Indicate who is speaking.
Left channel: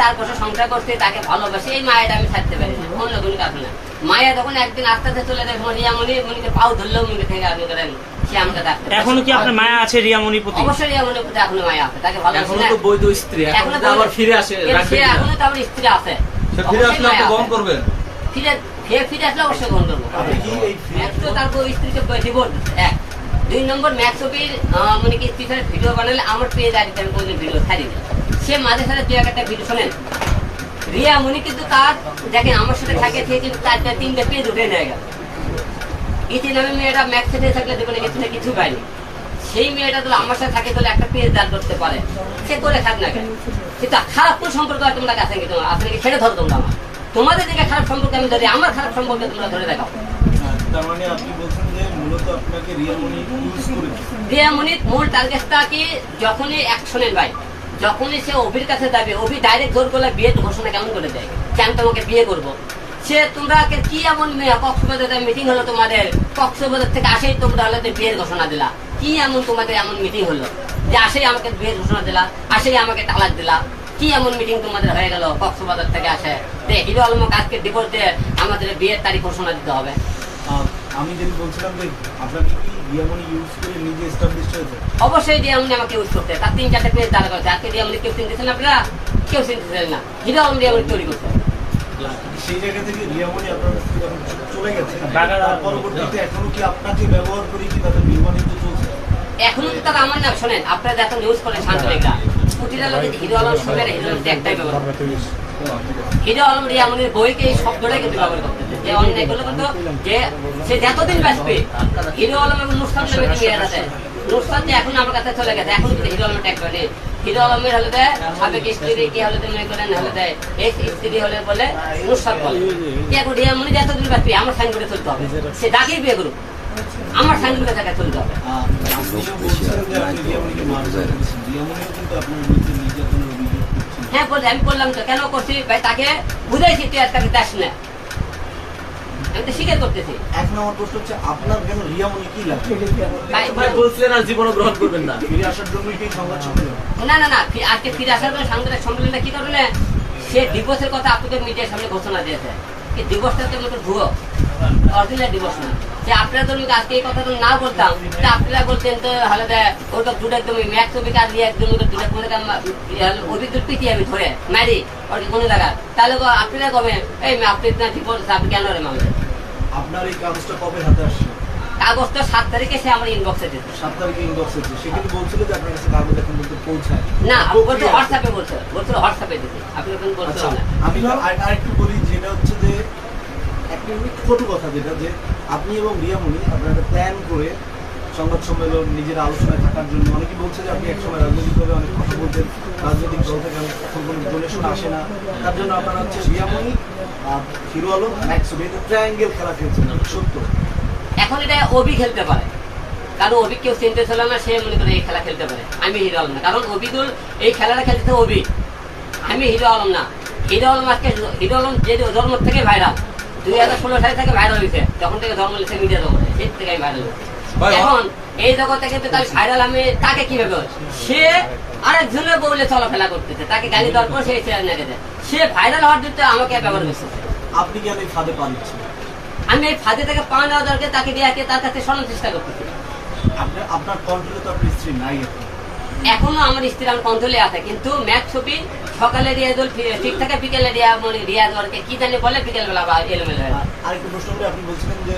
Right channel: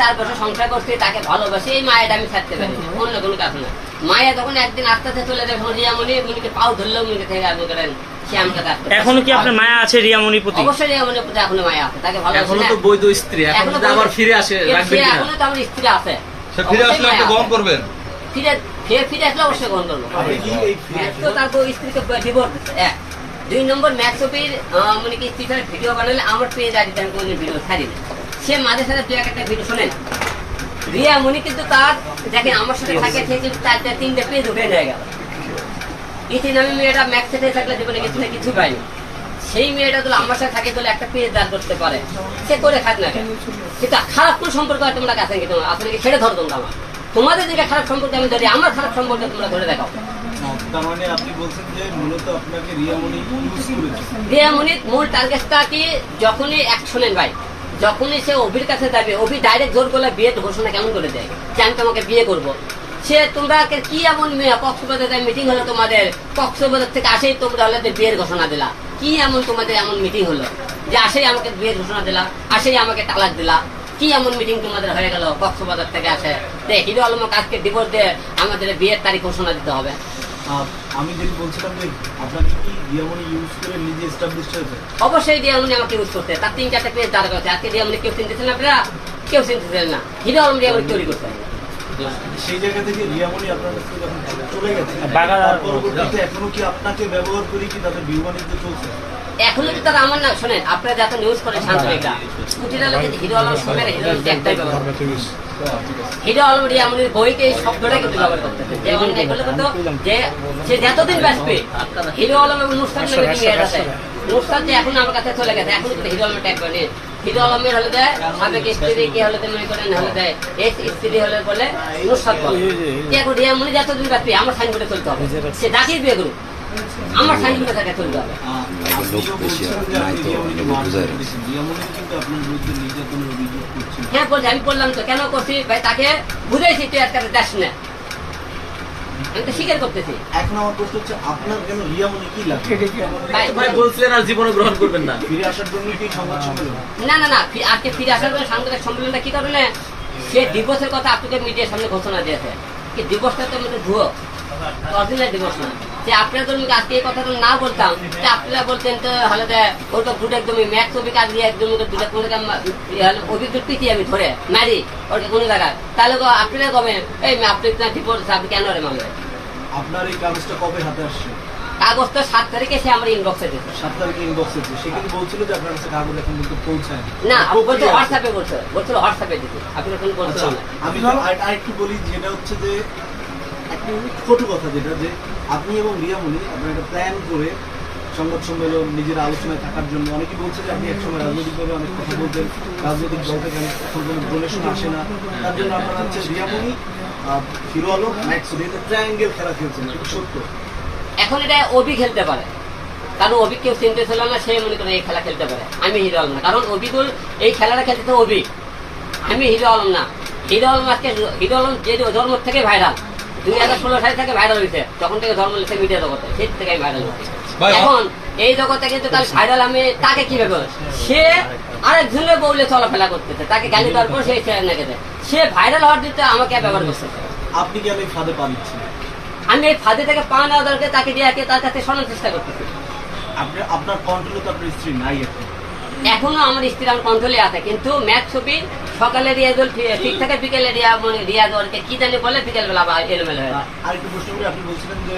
Speaker 1: চার বছর সংসার করছে তাকে ভালোবাসে এই মায়াটা আমি ছাড়তে পারি অন্য কোনো কাজ না। মায়া যখন একদিন আস্তে আস্তে চলে যায় রিয়া মনি মনিকে পাও ধরলেও মনে থেকে আপনি করেন।
Speaker 2: এখনও কি আপনার মায়া আছে রিয়ামণির প্রতি?
Speaker 1: অবশ্যই রিয়া মনির প্রতি এখনও মায়া আছে তাকে ভালোবাসে এখনও
Speaker 3: তো বৈধ স্ত্রী এখন আবার ফিরে আসে রাখবেন কিনা?
Speaker 1: এখনও তো আমার স্ত্রী আছে।
Speaker 4: সে ফিরে আসলে আপনি গ্রহণ করবেন?
Speaker 1: ফিরে ফের ফিরে আসলে অবশ্যই গ্রহণ করব।
Speaker 5: আপনি কি এই
Speaker 1: ম্যাক্স তো তারপর স্ত্রীকে ডিভোর্স এক। দুই নম্বর ম্যাক্সপির মানে কি স্ত্রী ভিডিও বানালে আমার পেয়ে যায় আমি কোনোদিন ভিডিও ছাড়ি না সে মাঝে সাথে দু একটা ভিডিও শোনেন। রিয়া মনি কিন্তু তার যাকে আমার সাথে থাকে সে কিন্তু চারটা তিনটে পেজ উঠে নিয়ে গেল। ইতি নামে মেয়েটা ম্যাক্স সাথে থাকলে জীবনে কিছু না কিছু পায়নি সেই মেয়েটা তো আমার সাথে থাকে তাহলে একটা পেজ দান করতে পারে। সে করে থাক না কেন? কিন্তু খারাপ কোন সম্পর্ক আর তোমরা কাছে? তোমার? আসলে কি ছেড়ে ধরো তোমরা আমার তোমাদের দিকে খারাপ সম্পর্ক আমি ধরি আমার খারাপ সম্পর্ক তোমরা ধরে দেখাও।
Speaker 5: আহ, তার মানে আপনি বলছেন যে মূলত আপনাকে রিয়ামণি ইউজ করেছে।
Speaker 1: রিয়ামণির মূল টার্গেটটা কি? যখনই অ্যাকশনের ভাই। যখনই সে অভির কাছে যাবে, অভি ডাইরেক্ট জোর করলে বিয়ে ঘোষণা কেমন করে দেয়? যে আমি তোমাকে বিয়ে করব। সে তোমরা কি এমন মেয়ে? কক্সবাজারে মিটিং হলো তোমাদের। কক্সবাজার থেকে আসেই তোমরা হলে বিয়ের ঘোষণা দিলা। কি এমন তোমাদের এমন মিটিং হলো? যে আসেই আমাকে বিয়ের ঘোষণা দিলা, আসেই আমাকে তালাক দিলা। কি এমন মিটিং তোমাদের হয়ে গেল কক্সবাজার থেকে আসে? হিরো আলমকে আজকে ডিভোর্স দিয়ে আমাদের বিয়ের তারিখ ঘোষণা দিতে হবে।
Speaker 5: আমি যেটা বলছিলাম যে আপনাকে কি রিয়ামণি ইউজ করে নিজে এস্টাবলিশ হয়েছে?
Speaker 1: অবশ্যই রিয়ামনি আমাকে ইউজ করতে। তার তিন চারটে পেজ দাঁড় করেছে আজকে রিয়ামনি কেউ চিনতেছেন আপনারা? কেউ চিনতেছেন না। হিরো আলম রিয়ামনি তৈরি করতে।
Speaker 5: সেই জায়গা থেকে রিয়ামণি আপনার কাছ থেকে যখন চলে গেছে। পরবর্তীতে এখনও কি আপনাকে ব্যবহার করে কি তাদের বিবাহিত চলছে?
Speaker 1: এখনও কি তারা আমার না? শোনেন আপনারা যাতে নিউজ করেন শান্তরেখা প্রতিটা লোকে হিরো আলম সঙ্গে হিরো আলম একটাই ব্যবহার করে। হিরো আলম রিয়ামনির বইকে এই শব্দটা কিন্তু ব্যবহার করতেছে যেমন এগুলো করতো যে সে যতদিন বাঁচবে হিরো আলম এবং নামে কি এর আছে নুসরাত যে এখন আমার কাছে চলে গেছে এখন হিরো আলম ট্যাগ করে হিরো আলমের হলে দেয় সাবেক স্ত্রী কি হলে মনে করেন হলে দেয়। এক্স স্ত্রী হলে বলে নুসরাত বলে। যে এখন রিয়ামনি যতদিন বাঁচবে আমার সাইন করে চলতে হবে। সে ডাকেই বিয়ে করুক। আমার সাইন করে তাকে চলতে হবে
Speaker 5: আহ, আপনি যে বলছেন যে আপনি রিয়ামণিকে মারধর করেছেন, রিয়ামণি কিন্তু আপনার বিরুদ্ধে নির্যাতনের অভিযোগ করছেন
Speaker 1: হ্যাঁ বলছি আমি বললাম তো কেন করছি? ভাই তাকে বুঝাইছি তুই না। আমি তো স্বীকার করতেছি।
Speaker 5: এখন আমার প্রশ্ন হচ্ছে আপনার কেন রিয়ামণি কি লাগে?
Speaker 1: ভাই,
Speaker 3: ভাই বলছিলেন আর জীবনে গ্রহণ করবেন না।
Speaker 5: ফিরে আসার জন্য কি সংবাদ সম্মেলন
Speaker 1: না না না আজকে ফিরে আসার পরে সাংবাদিক সম্মেলনটা কি করবে না? সে ডিভোর্সের কথা আপনাকে মিডিয়ার সামনে ঘোষণা দিয়েছে। কি তো ভুয়ো। ডিভোর্স না। যে আপনারা ধরুন আজকে এই কথাটা না বলতাম, তা আপনারা বলতেন তো হলে তো দুটো একদমই ম্যাক ছবি কাজ দিয়ে একদম দুটো কোনো পিটি আমি ধরে, মারি, ওর কোনো জায়গায় তাহলে আপনারা কবে, এই আপনি ডিভোর্স আপনি কেন রে মামলা?
Speaker 5: আপনার এই কাগজটা কবে হাতে আসছে?
Speaker 1: কাগজ তো সাত তারিখে সে আমার ইনবক্সে দিতে।
Speaker 5: সাত তারিখে ইনবক্স হচ্ছে সে কিন্তু বলছিল যে আপনার কাছে কাগজ এখন পর্যন্ত পৌঁছায়
Speaker 1: না আপনি বলছে
Speaker 5: প্রক্রিয়া আছে।
Speaker 1: হোয়াটসঅ্যাপে বলছে। বলছিল হোয়াটসঅ্যাপে দিতে। আপনি এখন বলছে
Speaker 5: আচ্ছা আমি আর- আরেকটু বলি যেটা হচ্ছে যে একটা ছোট কথা যেটা যে আপনি এবং রিয়ামণি আপনার একটা প্ল্যান করে সংবাদ সম্মেলন নিজের আলোচনায় থাকার জন্য অনেকে বলছে যে আপনি একসময় রাজনৈতিকভাবে অনেক কথা বলতেন রাজনৈতিক দল থেকে অনেক এখন কোনো ডোনেশন আসে না। তার জন্য আপনারা হচ্ছে রিয়ামণি আর হিরো আলম ম্যাক্স ট্রায়াঙ্গেল খেলা খেলছেন সত্য।
Speaker 1: এখন এটা অবি খেলতে পারে। কারণ অবি কেউ চিনতে ছিল না সে মনে করে এই খেলা খেলতে পারে। আমি হিরো আলম না। কারণ অবিদুল এই খেলাটা খেলতে অবি আমি হিরো আলম না। হিরো আলম আজকে হিরো আলম যে ধর্ম থেকে ভাইরাল দুই হাজার ষোলো সাল থেকে ভাইরাল হয়েছে। তখন থেকে ধর্ম লিখে মিডিয়া জগতে সেই থেকে আমি ভাইরাল হয়েছে। এখন এই জগতে কিন্তু তার ভাইরাল আমি তাকে কীভাবে সে আরেক ঝুলে বউলে চলাফেরা করতেছে। তাকে গালি দেওয়ার পর সে সে ভাইরাল হওয়ার জন্য আমাকে ব্যবহার করতেছে
Speaker 5: আপনি কি এই ফাঁদে পা দিচ্ছেন
Speaker 1: আমি এই ফাঁদে থেকে পা নেওয়া দরকার তাকে দিয়ে তার কাছে শোনার চেষ্টা করতেছি
Speaker 5: আপনি আপনার কন্ট্রোলে তো আপনার স্ত্রী নাই এখন
Speaker 1: এখনও আমার স্ত্রী আমার কন্ট্রোলে আছে কিন্তু ম্যাথ ছবি সকালে রিয়াজল ঠিক থাকে বিকেলে রিয়া মানে রিয়াজ কি জানি বলে বিকেলবেলা বা এলোমেলো হয়ে।
Speaker 5: আরেকটু প্রশ্ন করে আপনি বলছিলেন যে